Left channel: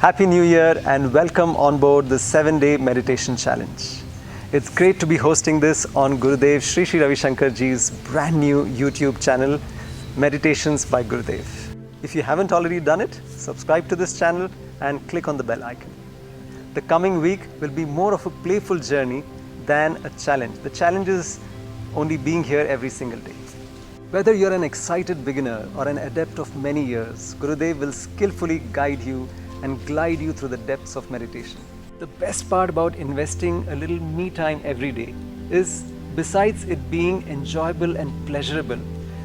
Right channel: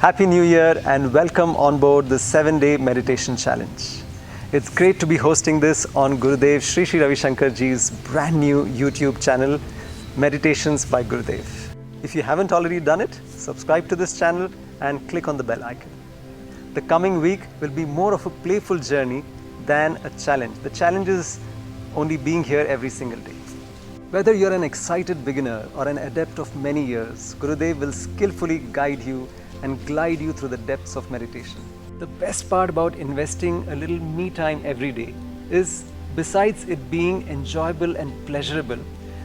Happy New Year and welcome on board the 7-day meditation challenge. It's great to be hosting this on Gurudev Sri Ravi Shankar ji's brand new YouTube channel, Meditations by Gurudev. If you haven't already done it, subscribe to this channel and click on the bell icon. The coming week will be more of a playful journey than a challenge. The challenge is only being here every single day. Whether you're an excited beginner or an adept of many years, Gurudev will skillfully guide you and glide you through the depths of meditation. The best part about investing a little me time every day is, besides it being enjoyable and pleasurable,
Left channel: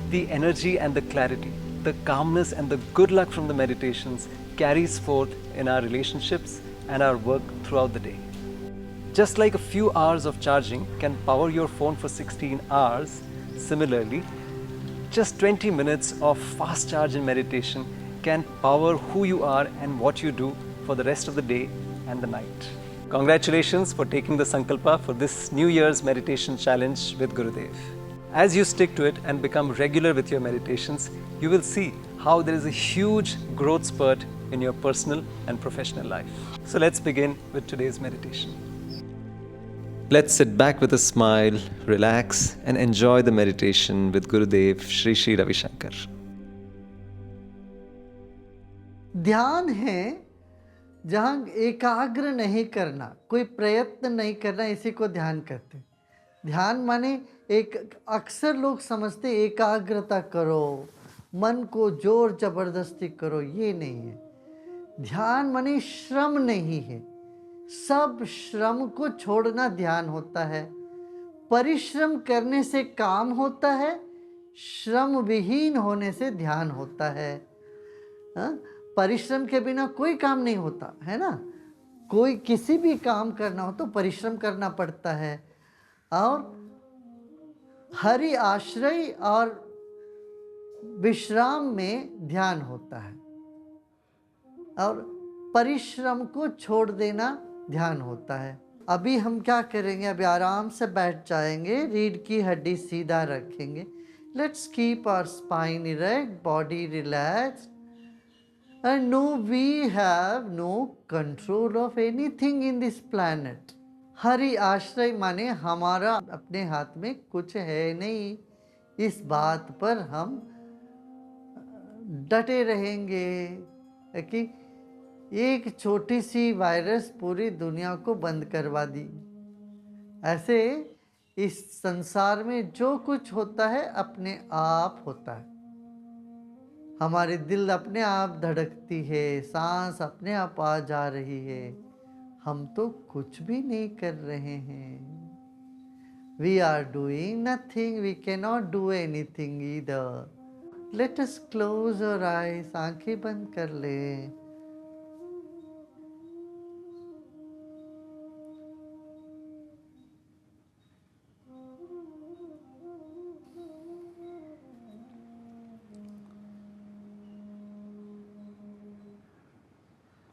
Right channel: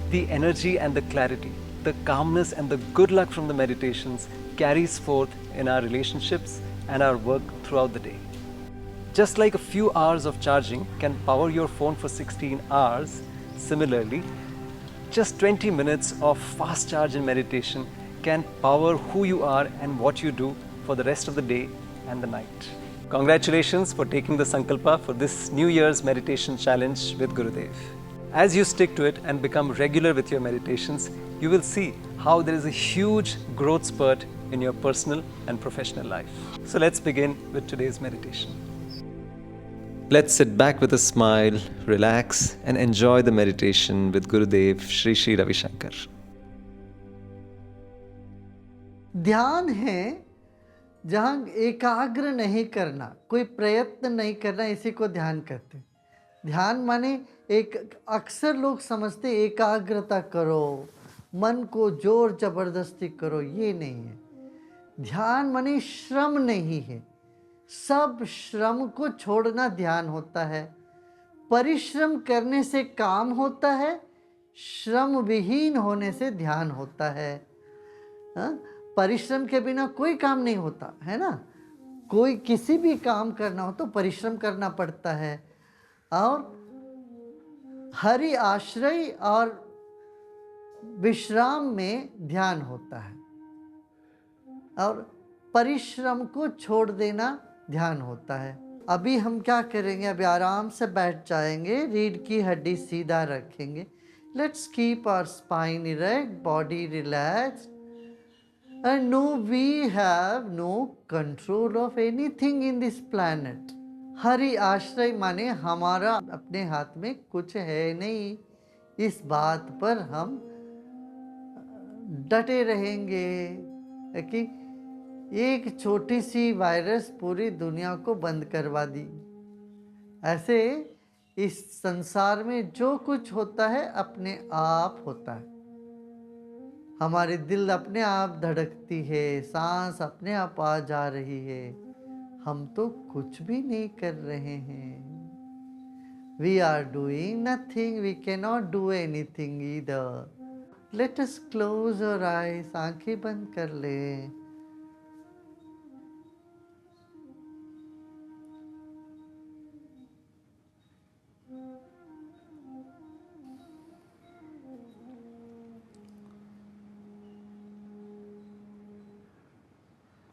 the energy and the clarity, the calmness and the good luck from the meditations carries forth in our relationships and our work throughout the day. Just like a few hours of charging can power your phone for 16 hours, similarly, just 20 minutes of fast charge in meditation can power who you are and what you do for the rest of the day and the night. Congratulations for taking the Sankalpa for this New Year's meditation challenge with Gurudev. As you stick to it and become regular with your meditations, you will see how there is a huge growth spurt in your personal and professional life. So let's begin with today's meditation. Let's sit back with a smile, relax, and enjoy the meditation with Gurudev Sri Ravi Shankar. ध्यान है जहाँ एकाग्र नहीं करना, कोई प्रयत्न नहीं करना, इसी को ध्यान कहते हैं। ध्यान माने अक्सर लोग समझते एकाग्रता करो, मन को जोर जबरदस्ती करो, ये नहीं है। ध्यान माने श्रम नहीं है, सब श्रम को छोड़ना ध्यान होता है। परिश्रम करने से काम होता है, श्रम विहीन होने से ध्यान होता है। परिश्रम के बिना कोई काम नहीं होता है ना। कोई किसी भी काम करना हो तो परिश्रम करना पड़ता है। और हरि आश्रय और विश्राम में ध्यान होता है, और परिश्रम को छोड़ देना ध्यान होता है। अभी हम क्या करेंगे, अभी आराम से बैठ जाएंगे, रीढ़ की हड्डी सीधा रखेंगे। Let's keep our spine erect, body relaxed, and no, we have no control of anything in this planet. Hari आश्रय माने हमारा अपने हाथ में कुछ है नहीं, इस बात पर हम डटे रहेंगे कि एक छोटी सी वायरस पूरी दुनिया को बंद करवा दी। ऐसे इस संसार में जो कुछ होता है अपने आप होता है। हमारे दिल अपने आप धड़कती है, सांस अपने आप आ जा रही है, हम तो कुछ भी नहीं कर रहे हैं। We are doing nothing, we cannot do anything either. Let us close our eyes, आंखें बंद कर लें।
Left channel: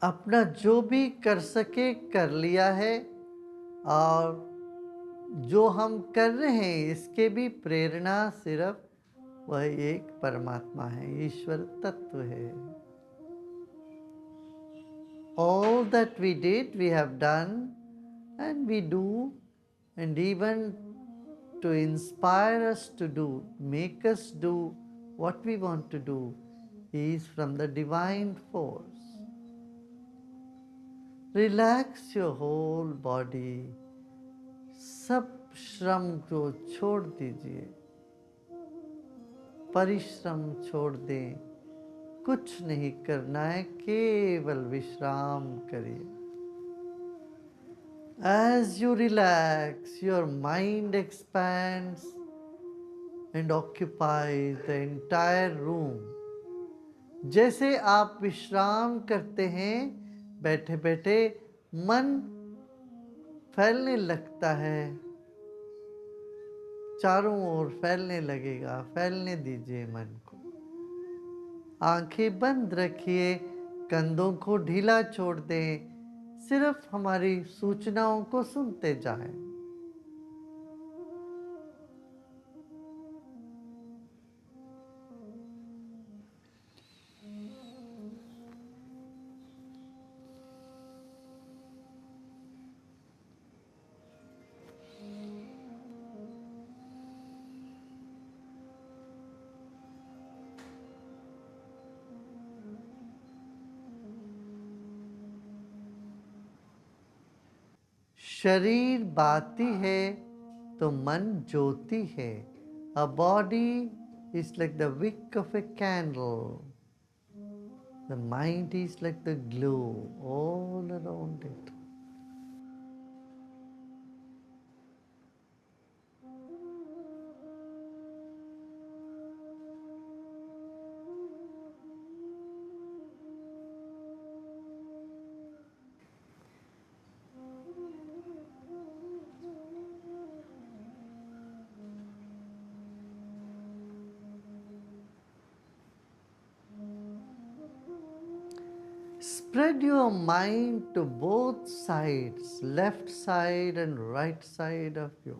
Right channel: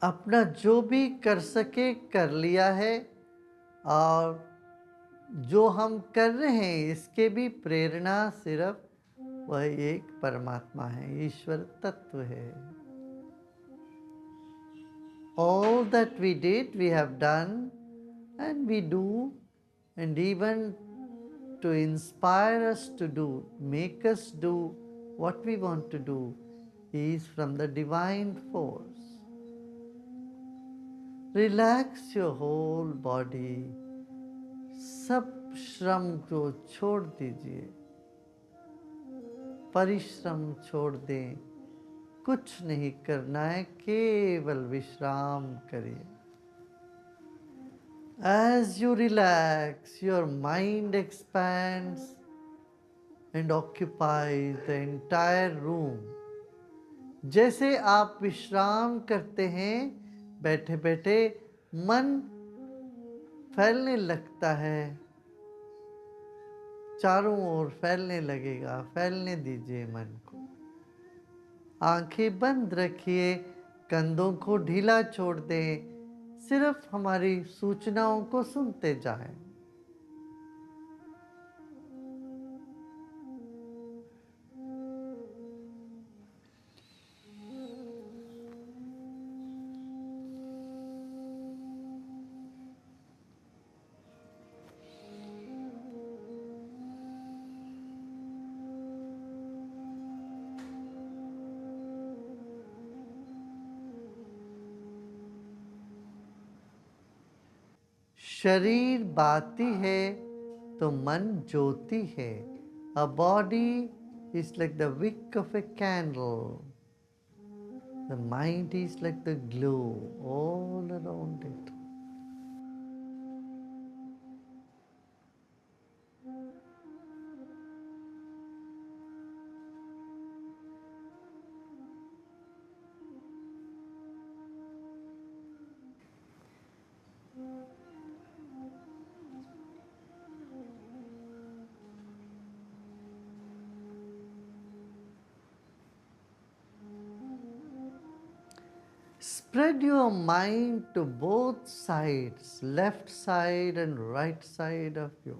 अपना जो भी कर सके कर लिया है, और जो हम कर रहे हैं इसके भी प्रेरणा सिर्फ वह एक परमात्मा है, ईश्वर तत्व है। All that we did, we have done, and we do, and even to inspire us to do, make us do what we want to do, is from the divine force. Relax your whole body. सब श्रम को छोड़ दीजिए, परिश्रम छोड़ दें, कुछ नहीं करना है, केवल विश्राम करिए। As you relax, your mind expands and occupies the entire room. जैसे आप विश्राम करते हैं, बैठे बैठे मन फैलने लगता है, चारों ओर फैलने लगेगा। फैलने दीजिए मन को। आंखें बंद रखिए, कंधों को ढीला छोड़ दें, सिर्फ हमारी सूचनाओं को सुनते जाएं। शरीर बाती है तो मन ज्योति है. A body is like the wick of a candle. The mind is like the glow all around it. Spread your mind to both sides, left side and right side of you.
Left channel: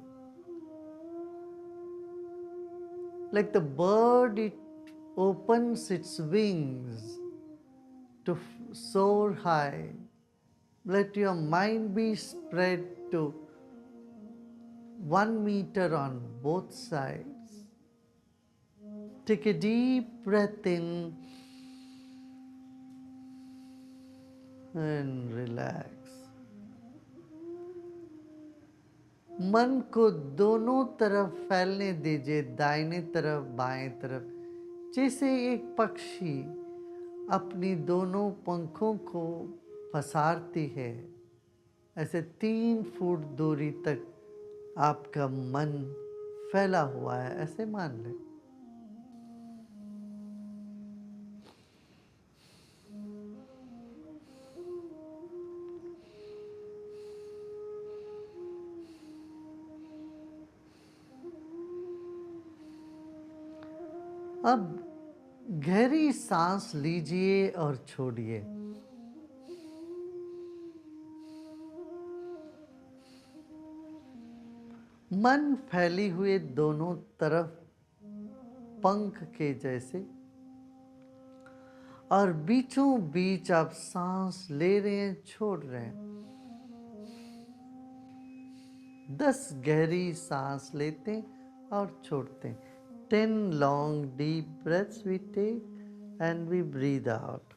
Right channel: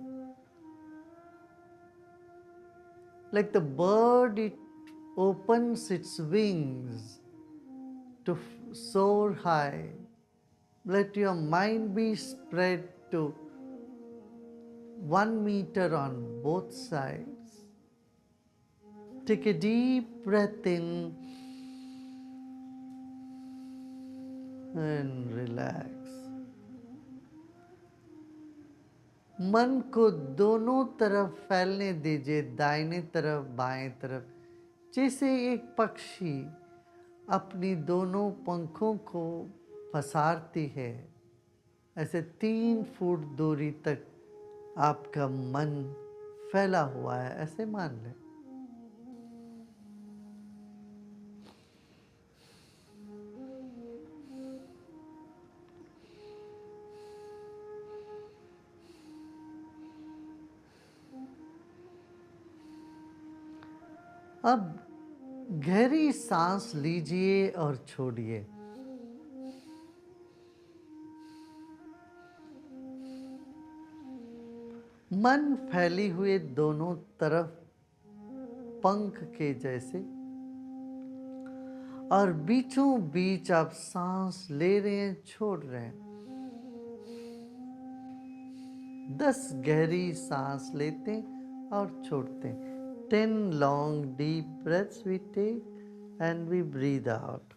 Like the bird, it opens its wings to soar high. Let your mind be spread to 1 meter on both sides. Take a deep breath in and relax. मन को दोनों तरफ फैलने दीजिए, दाहिने तरफ बाएं तरफ, जैसे एक पक्षी अपनी दोनों पंखों को पसारती है. ऐसे 3 फुट दूरी तक आपका मन फैला हुआ है, ऐसे मान लें. अब गहरी सांस लीजिए और छोड़िए. मन फैली हुए दोनों तरफ पंख के जैसे, और बीचों बीच आप सांस ले रहे हैं, छोड़ रहे हैं. 10 गहरी सांस लेते और छोड़ते हैं. 10 long deep breaths we take and we breathe out.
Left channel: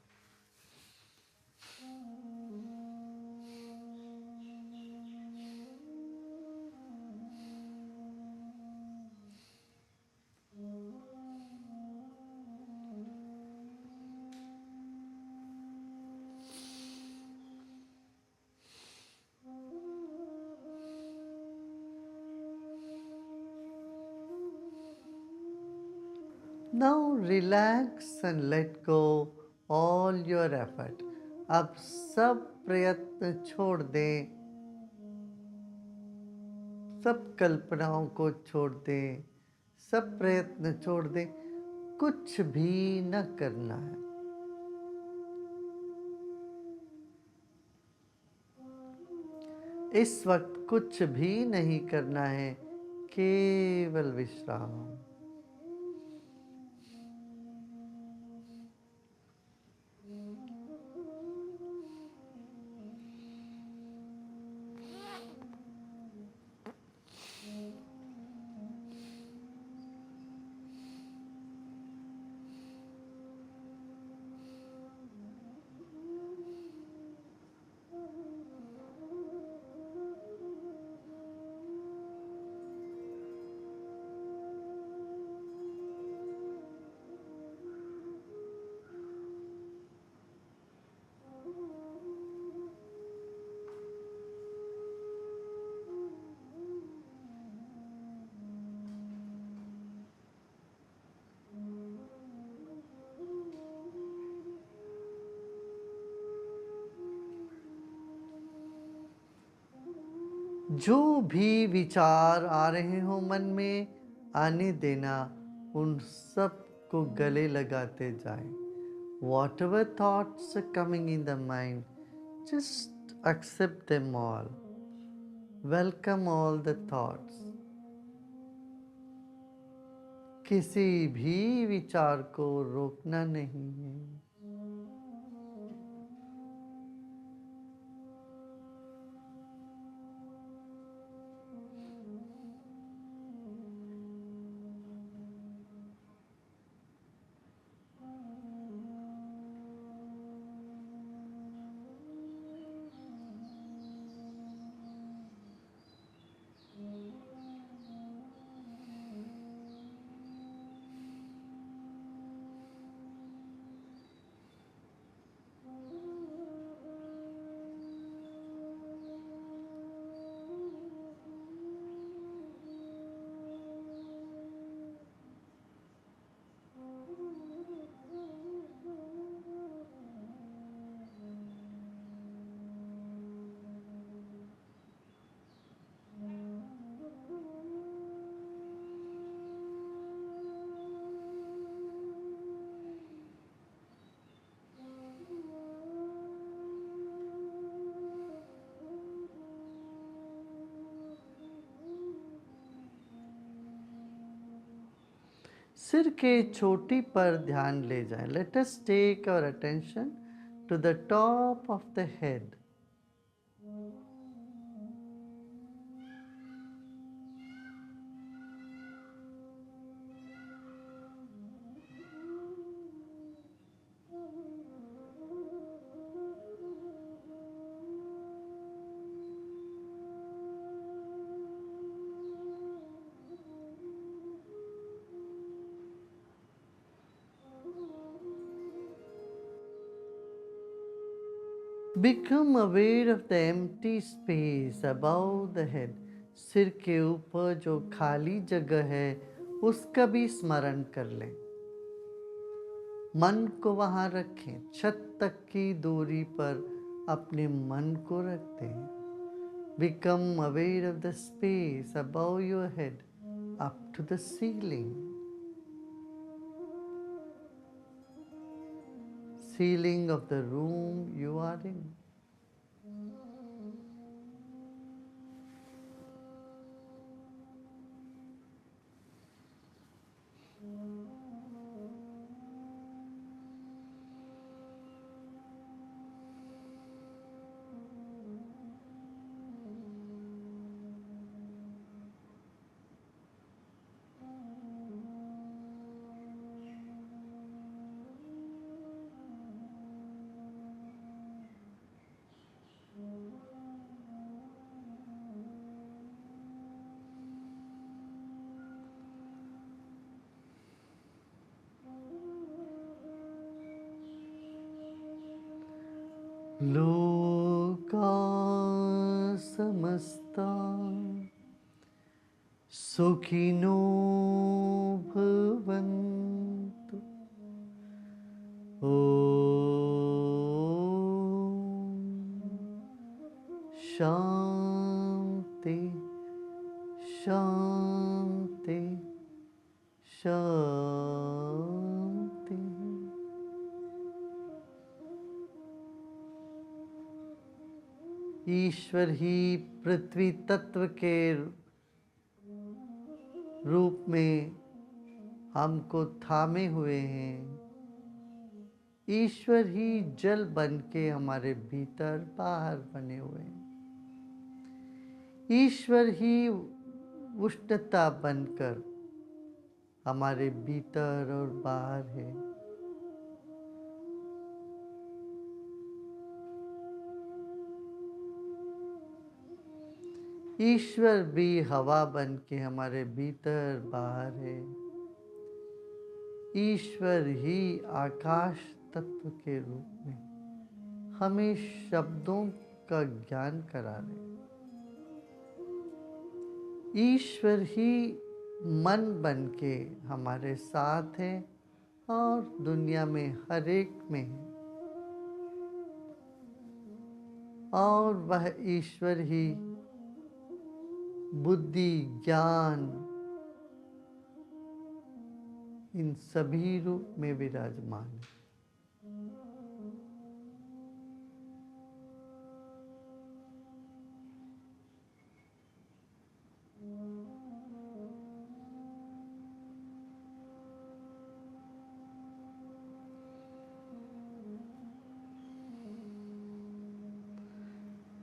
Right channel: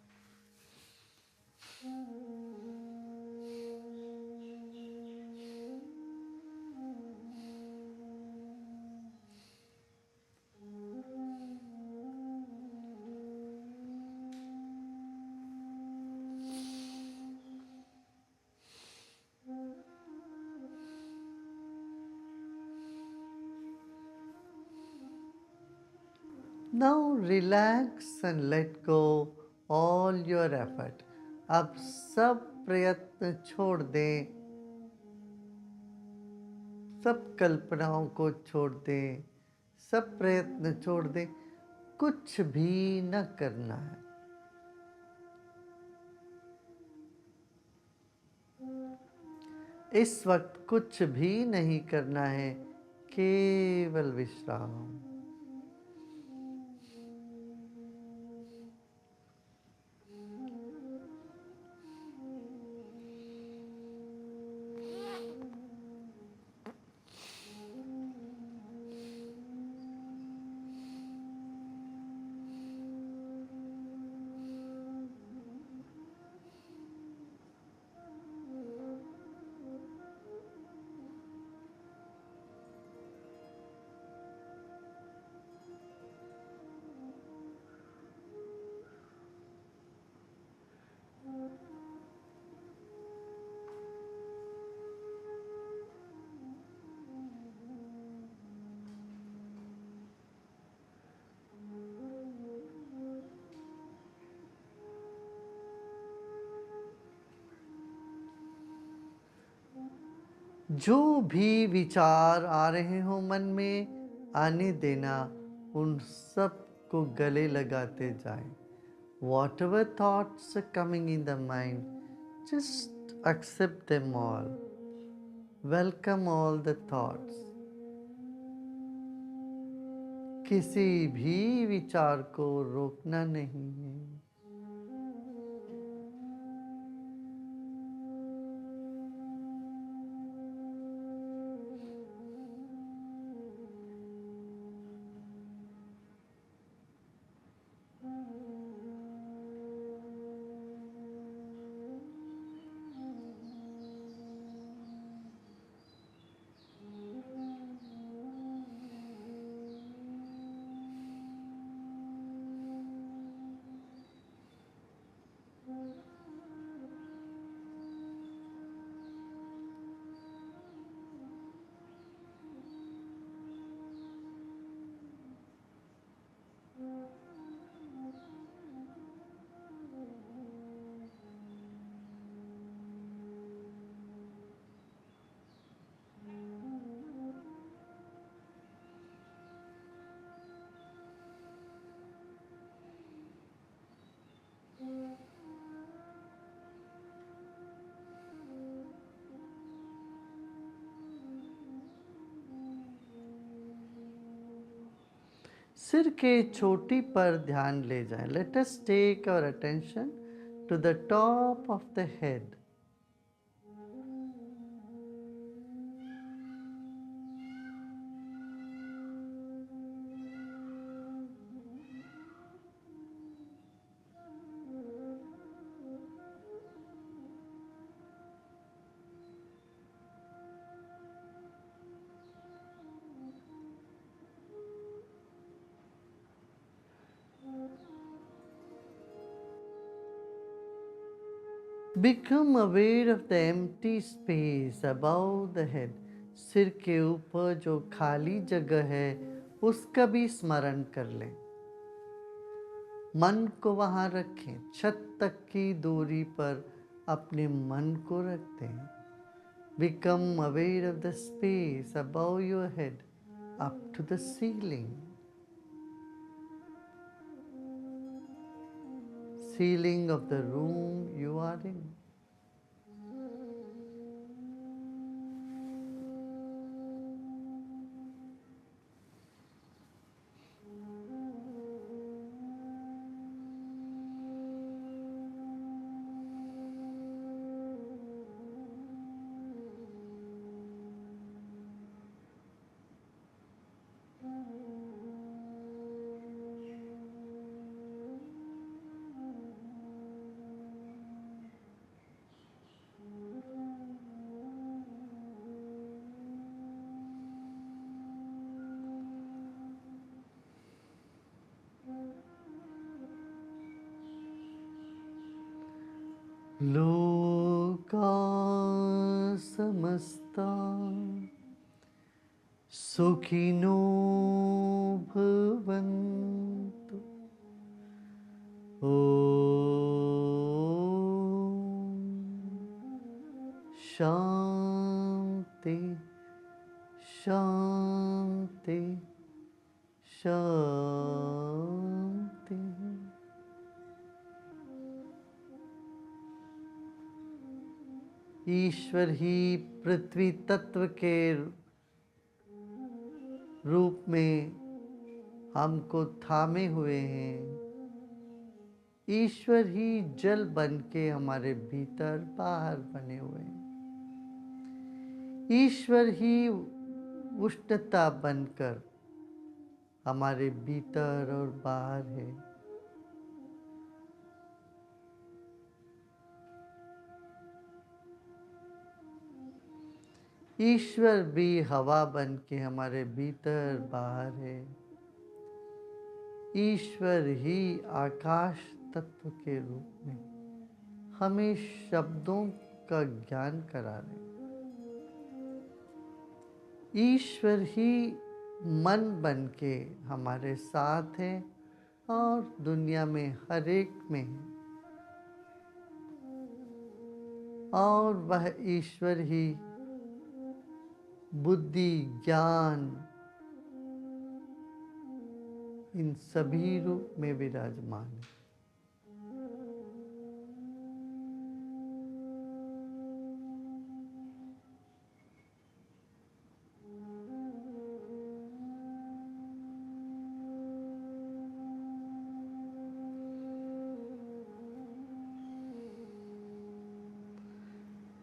Now relax and let go all your effort. अब सब प्रयत्न छोड़ दें, सब कल्पनाओं को छोड़ दें, सब प्रयत्न छोड़ दें, कुछ भी न करना है. इस वक्त कुछ भी नहीं करना है, केवल विश्राम. जो भी विचार आ रहे हो मन में, आने देना, उन सब को गले लगाते जाएं. Whatever thoughts are coming in the mind, just accept them all. Welcome all the thoughts. किसी भी विचार को रोकना नहीं है. सिर के चोटी पर ध्यान ले जाएं. Let us take our attention to the top of the head. Become aware of the empty space above the head. सिर के ऊपर जो खाली जगह है उसका भी स्मरण कर लें. मन को वहाँ रखें. छत तक की दूरी पर अपने मन को रखते हैं. Become aware of the space above your head up to the ceiling. Ceiling of the room you are in. लोका समस्ता सुखिनो भवन्तु. शांति शांति शांति. ईश्वर ही पृथ्वी तत्व के रूप में हमको थामे हुए हैं. ईश्वर ही जल बन के हमारे भीतर बाहर बने हुए हैं. ईश्वर ही उष्णता बनकर हमारे भीतर और बाहर है. ईश्वर भी हवा बन के हमारे भीतर बाहर है. ईश्वर ही आकाश तत्व के रूप में हमें शब्दों का ज्ञान करा रहे. ईश्वर ही मन बन के हमारे साथ है और दुनिया में हर एक में है. और वह ईश्वर ही बुद्धि ज्ञान इन सभी रूप में विराजमान है.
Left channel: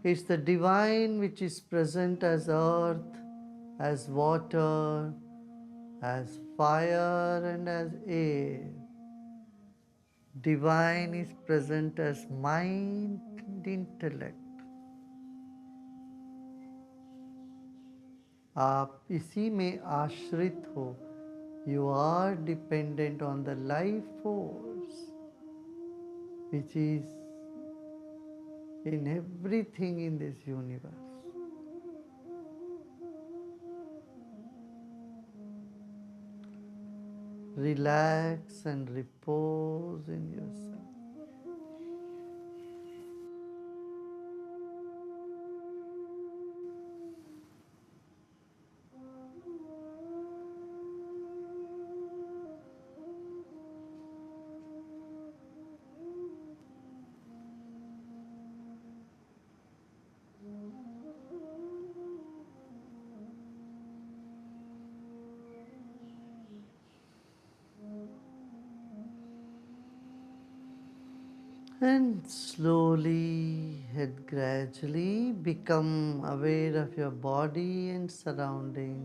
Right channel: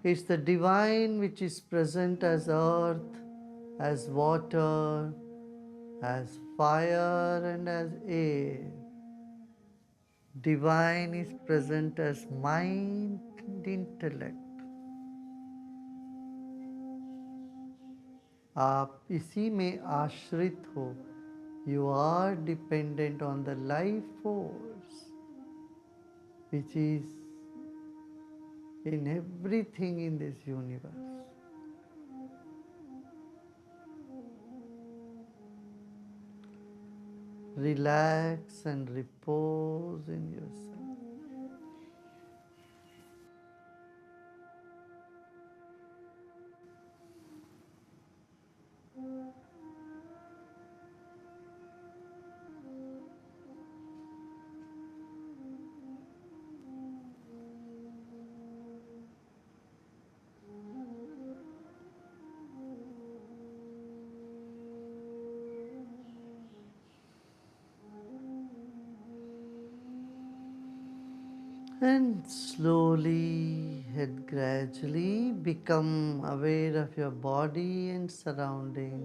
It's the divine which is present as earth, as water, as fire and as air. Divine is present as mind and intellect. आप इसी में आश्रित हो. You are dependent on the life force which is in everything in this universe. Relax and repose in yourself. And slowly and gradually become aware of your body and surrounding.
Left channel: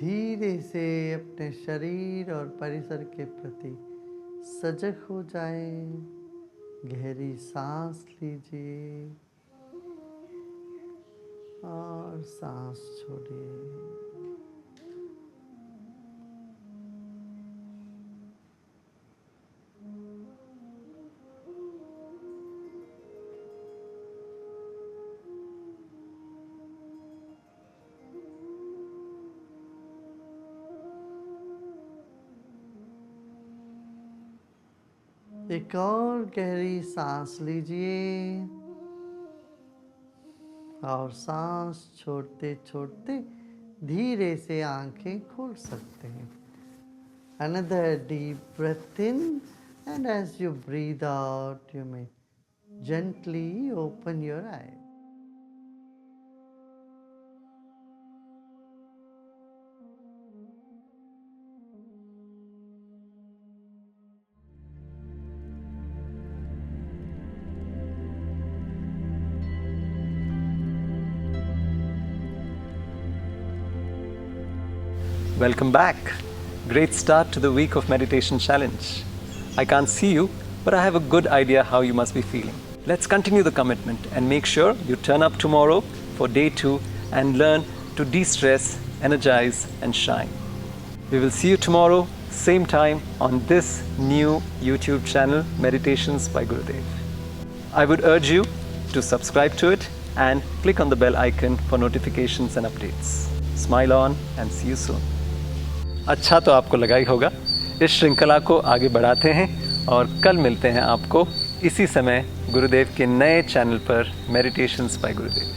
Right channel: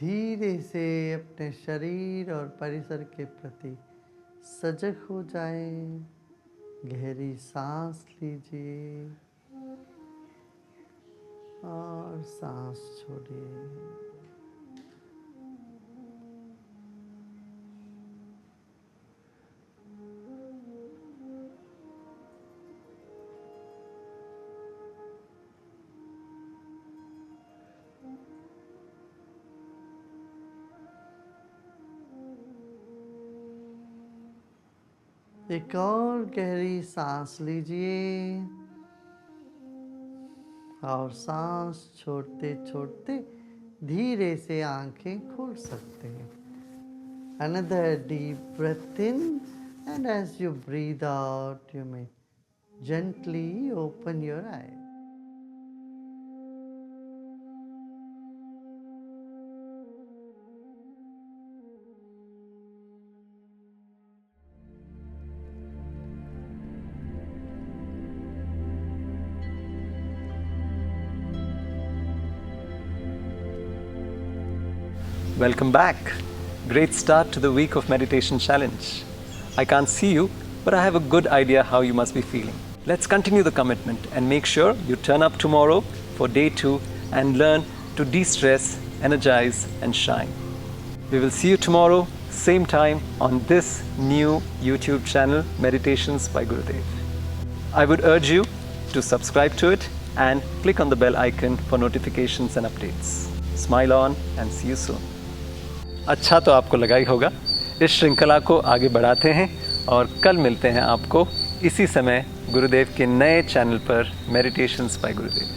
धीरे से अपने शरीर और परिसर के प्रति सजग हो जाएं। गहरी सांस लीजिए और सांस छोड़िए। एक और गहरी सांस लीजिए और सांस छोड़ते छोड़ते धीरे से आंखें खोल सकते हैं। Another deep breath in, and as you breathe out, you may gently open your eyes. Welcome back. Great start to the week of meditation challenge. I can't see you, but I have a good idea how you must be feeling. Let's continue the commitment and make sure you turn up tomorrow for day 2 and learn to de-stress, energize and shine. We will see you tomorrow, same time on this new YouTube channel, Meditations by Gurudev. I would urge you to subscribe to it and click on the bell icon for notifications and updates. Smile on and see you soon. अच्छा तो आपको लगा ही होगा। इस श्रृंखला को आगे बढ़ाते हैं और कल मिलते हैं आपको इसी समय गुरुदेव के नए चैनल पर मेडिटेशंस बाय गुरुदेव।